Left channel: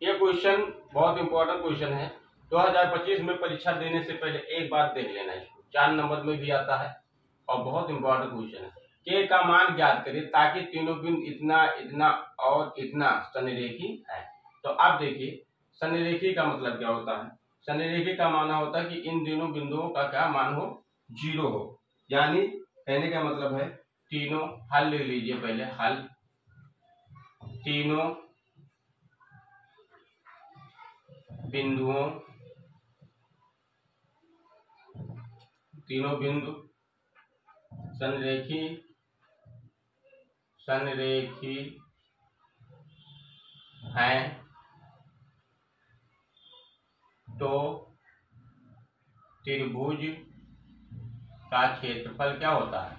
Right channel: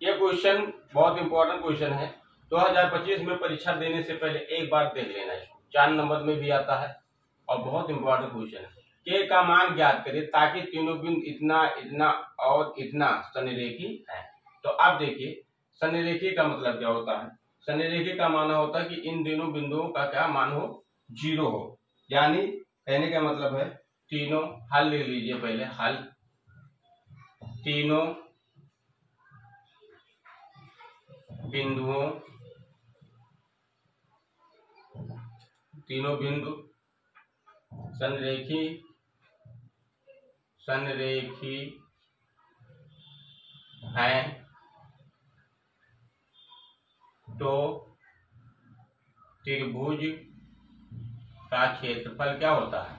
ये क्वेश्चन बहुत important question है। 2025 में परीक्षा देने से पहले एक बार देख लेना इसको, 4 नंबर में भी आता है और बहुत इंपॉर्टेंट क्वेश्चन है। के का मान ज्ञात करें ताकि तीनों बिंदु इतना इतना और इतना सनिरेखी है। तो अब देखिए सनिरेखी का मतलब क्या होता है। सनिरेखी का माना होता है कि इन दोनों बिंदुओं का क्या मान हो, जीरो हो। यानी कहने का मतलब है तीनों हल ले लीजिए पहले, हल तीनों बिंदुओं तीनों बिंदु संरेखी हैं तो त्रिभुज का क्षेत्रफल क्या होता है,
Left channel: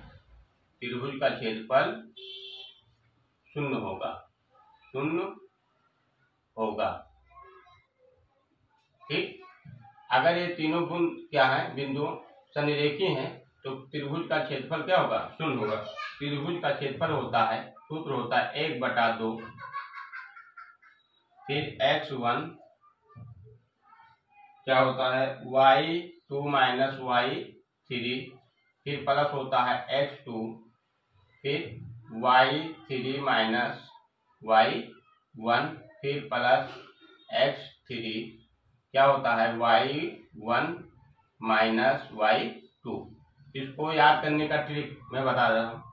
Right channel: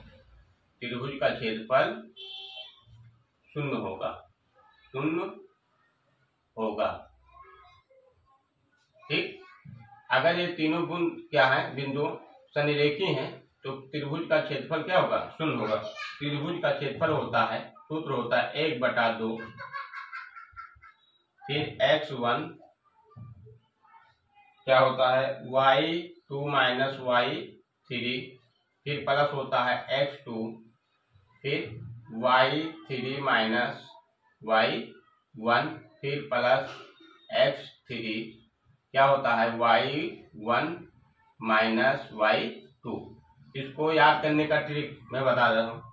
त्रिभुज का क्षेत्रफल शून्य होगा। ठीक, अगर ये तीनों क्या है, बिंदु सनिरेखी हैं तो त्रिभुज का क्षेत्रफल क्या होगा, शून्य होगा। त्रिभुज का क्षेत्रफल होता है, सूत्र होता है 1/2, फिर x1 क्या होता है y2 माइनस y3, फिर प्लस होता है x2, फिर y3 माइनस y1, फिर प्लस x3 क्या होता है y1 माइनस y2। इसको याद करने का ट्रिक मैं बता रहा हूँ।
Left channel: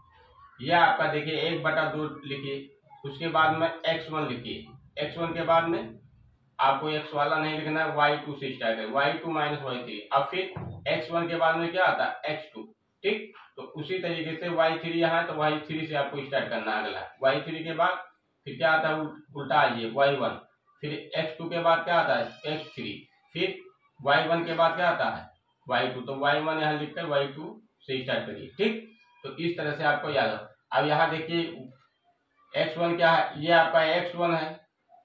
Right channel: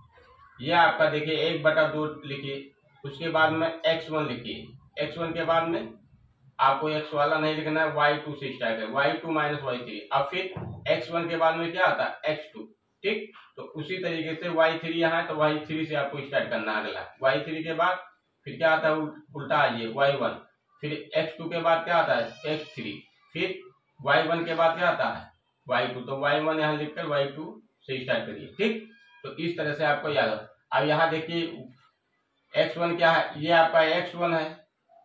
यह आपका देखिए 1/2 लिखिए, उसके बाद में x1 लिखिए, x1 के बाद में आपको x वाला नहीं लिखना है, y2 से स्टार्ट है, y2 माइनस y3। अब फिर x1 के बाद में क्या आता है x2। ठीक, तो उसी तरीके से y3 यहाँ है तो y3 से आपको स्टार्ट करना है। अगला y3 के बाद फिर क्या आता है, उल्टा आइए y1, फिर x2 के बाद क्या आता है x3, फिर y1 के बाद क्या आता है y2, तो y1 यहाँ लिखकर y2 से स्टार्ट करिए। ठीक, तो इस तरह से आपको याद हो। अब यहाँ देखिए x1 क्या है, ये आपका x1 है,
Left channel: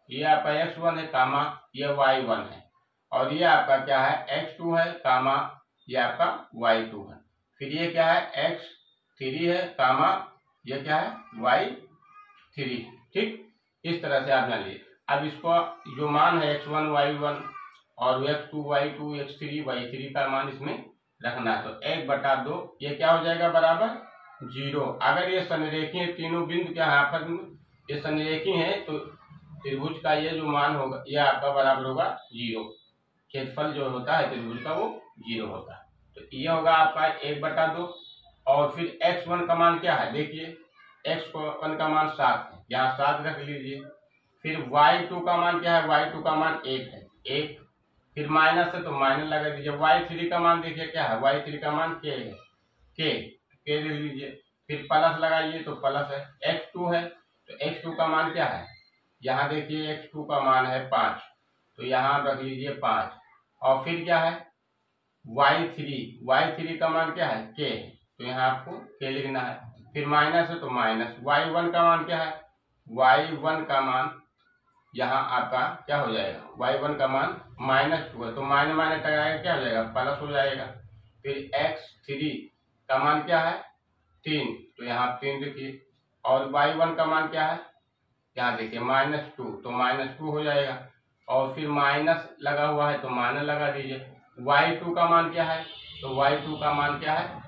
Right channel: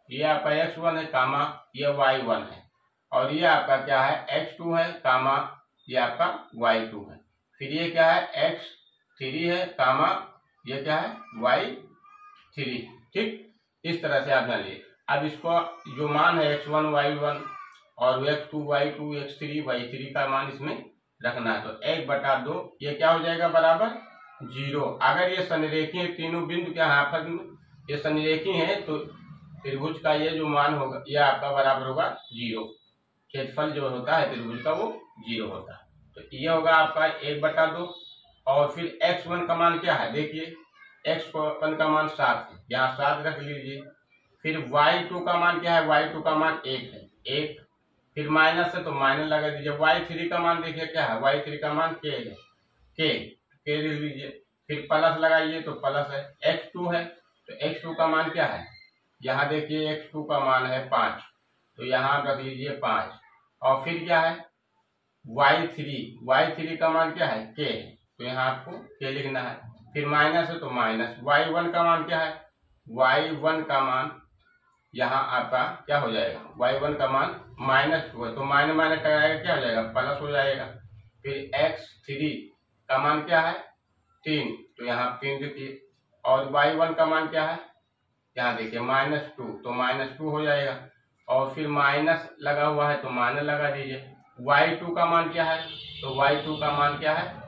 ये आपका x1 है कामा ये y1 है, और ये आपका क्या है x2 है कामा ये आपका y2 है, फिर ये क्या है x3 है कामा ये क्या है y3। ठीक, इस तरह से आप जान लीजिए। अब इसको जो मान है x1 y1 और x2 y2 x3 y3 का मान इसमें रखना है, तो 1/2 ये क्या हो जाएगा बराबर 0। अगर ये सनिरेखी है, तीनों बिंदु क्या है आपस में ये सनिरेखी है तो त्रिभुज का ये जो मान होगा ये आपका बराबर होगा 0। क्षेत्रफल जो होता है त्रिभुज का वो 0 होता है, तो ये होगा आपका 1/2। और फिर x1 का मान क्या है, देखिए x1 का मान 7 है, यहाँ 7 रख लीजिए। फिर y2 का मान क्या है, y2 का मान 1 है, 1, फिर माइनस है तो माइनस लगा दीजिए। y3 का मान देखिए क्या है, y3 का मान k है, k लिख लीजिए, फिर प्लस लगाइए तो प्लस है। x2 है तो x2 का मान क्या है, यहाँ देखिए x2 का मान है 5, तो यहाँ रख लीजिए 5। और फिर क्या है y3 का मान क्या है k है, तो यहाँ आपको k लिखना है। फिर माइनस है तो माइनस। y1 का मान क्या है, y1 का मान यहाँ आपका क्या हो जाएगा, y1 का मान -2 है, तो माइनस माइनस टकराएगा क्या हो जाएगा प्लस हो जाएगा। फिर x3 का मान क्या है 3, तो यहाँ 3 देखिए। और y1 का मान क्या है, यहाँ देखिए -2, तो -2 हो जाएगा। और फिर माइनस लगा हुआ है तो माइनस लगा दीजिए। y2 का मान क्या है, तो y2 का मान क्या है,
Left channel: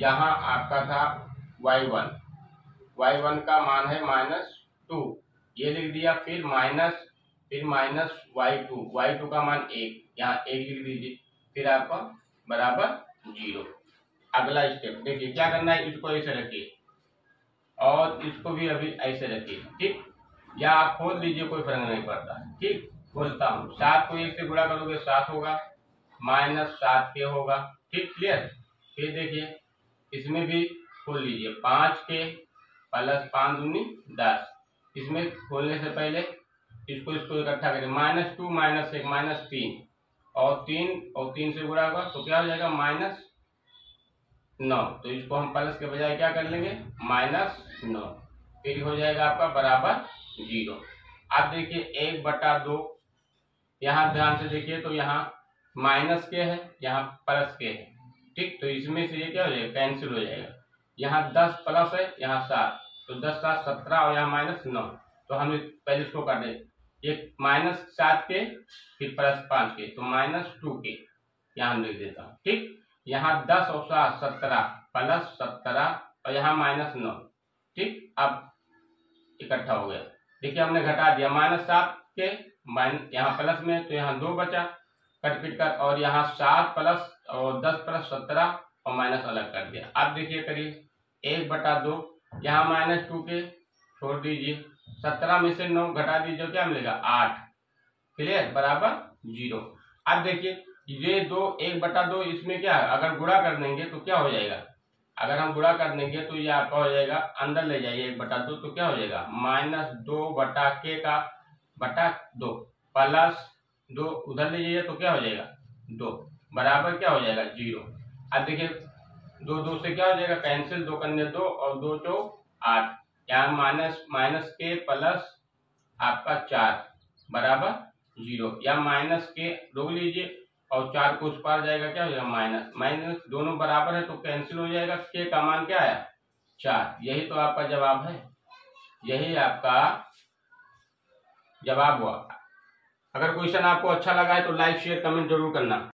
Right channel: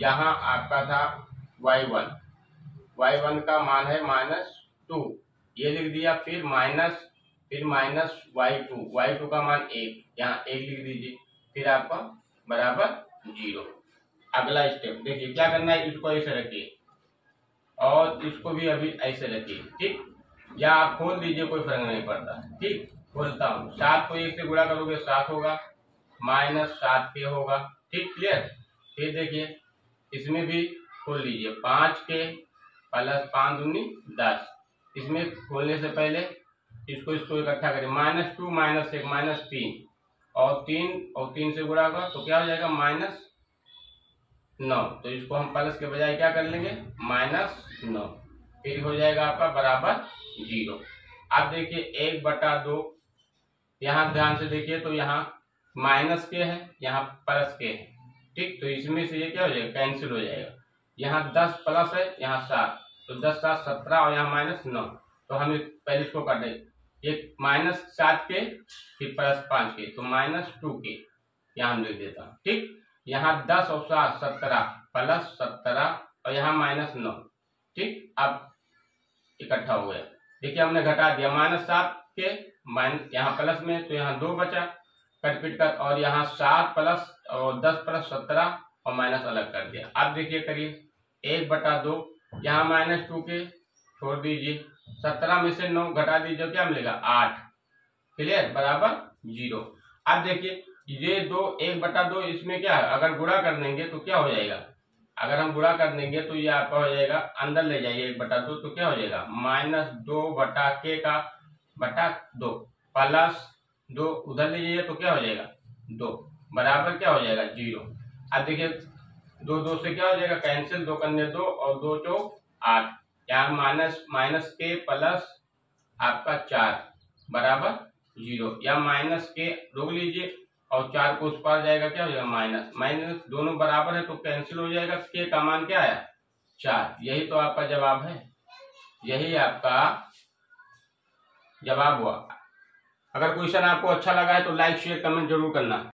यहाँ आपका था y1 का मान है -2, ये लिख दिया। फिर माइनस y2 का मान 1, यहाँ 1 लिख दीजिए, फिर आपका बराबर 0। अगला स्टेप देखिए क्या करना है, इसको ऐसे रखिए और इसको भी अभी ऐसे रखिए। ठीक, या आप खोल दीजिए, कोई फर्क नहीं पड़ता। ठीक, खोलता हूँ, 7 को 1 से गुणा करोगे 7 होगा, -7 के होगा। ठीक, क्लियर। फिर देखिए इसमें भी खोल लीजिए, 5 के प्लस 5 दूनी 10। इसमें खोलने से पहले इसको इकट्ठा करें, -2 -1 -3, और 3 से गुणा होगा तो क्या हो जाएगा -9, तो इसको हम प्लस के बजाय क्या कर लेंगे -9, फिर हो जाएगा आपका बराबर 0। अब देखिए 1/2, यहाँ ध्यान से देखिए तो यहाँ माइनस के है, यहाँ प्लस के है। ठीक, तो इसमें से ये क्या हो जाएगा कैंसिल हो जाएगा। यहाँ 10 प्लस है, यहाँ 7, तो 10 7 17 और यहाँ -9, तो हम पहले इसको कर दें। एक -7 के फिर +5 के, तो -2 के यहाँ लिख देता हूँ। ठीक, यहाँ 10 और 7 17 +17 और यहाँ -9। ठीक, अब इकट्ठा हो गया। देखिए हमने घटा दिया, -7 के यहाँ प्लस में, तो यहाँ 2 बचा कट पिट कर, और यहाँ 7 प्लस और 10 प्लस 17 और माइनस अलग कर दिया। अब देखिए करिए 1/2, यहाँ -2 के छोड़ दीजिए, 17 में से 9 घटा दीजिए, क्या मिलेगा 8। क्लियर, बराबर 0। अब देखिए ये 1/2 इसमें क्या है, अगर गुणा कर देंगे तो क्या हो जाएगा, अगर हम गुणा कर देंगे तो ये आपका हो जाएगा, अंदर ले जाइए 1/2, तो क्या हो जाएगा -2/k का बटा 2 प्लस 2 उधर ले जाइए तो क्या हो जाएगा 2 बराबर क्या हो जाएगा 0। अब देखिए 2 से क्या हो जाएगा कैंसिल, 2 करने 2 और 2 चौक 8, यहाँ -k प्लस आपका 4 बराबर 0, या -k रोक लीजिए और 4 को उस पार जाएगा, क्या हो जाएगा माइनस, दोनों बराबर है तो कैंसिल हो जाएगा। k का मान क्या आया 4। यही तो आपका जवाब है, यही आपका जवाब हुआ। अगर क्वेश्चन आपको अच्छा लगा है तो लाइक शेयर कमेंट जरूर करना।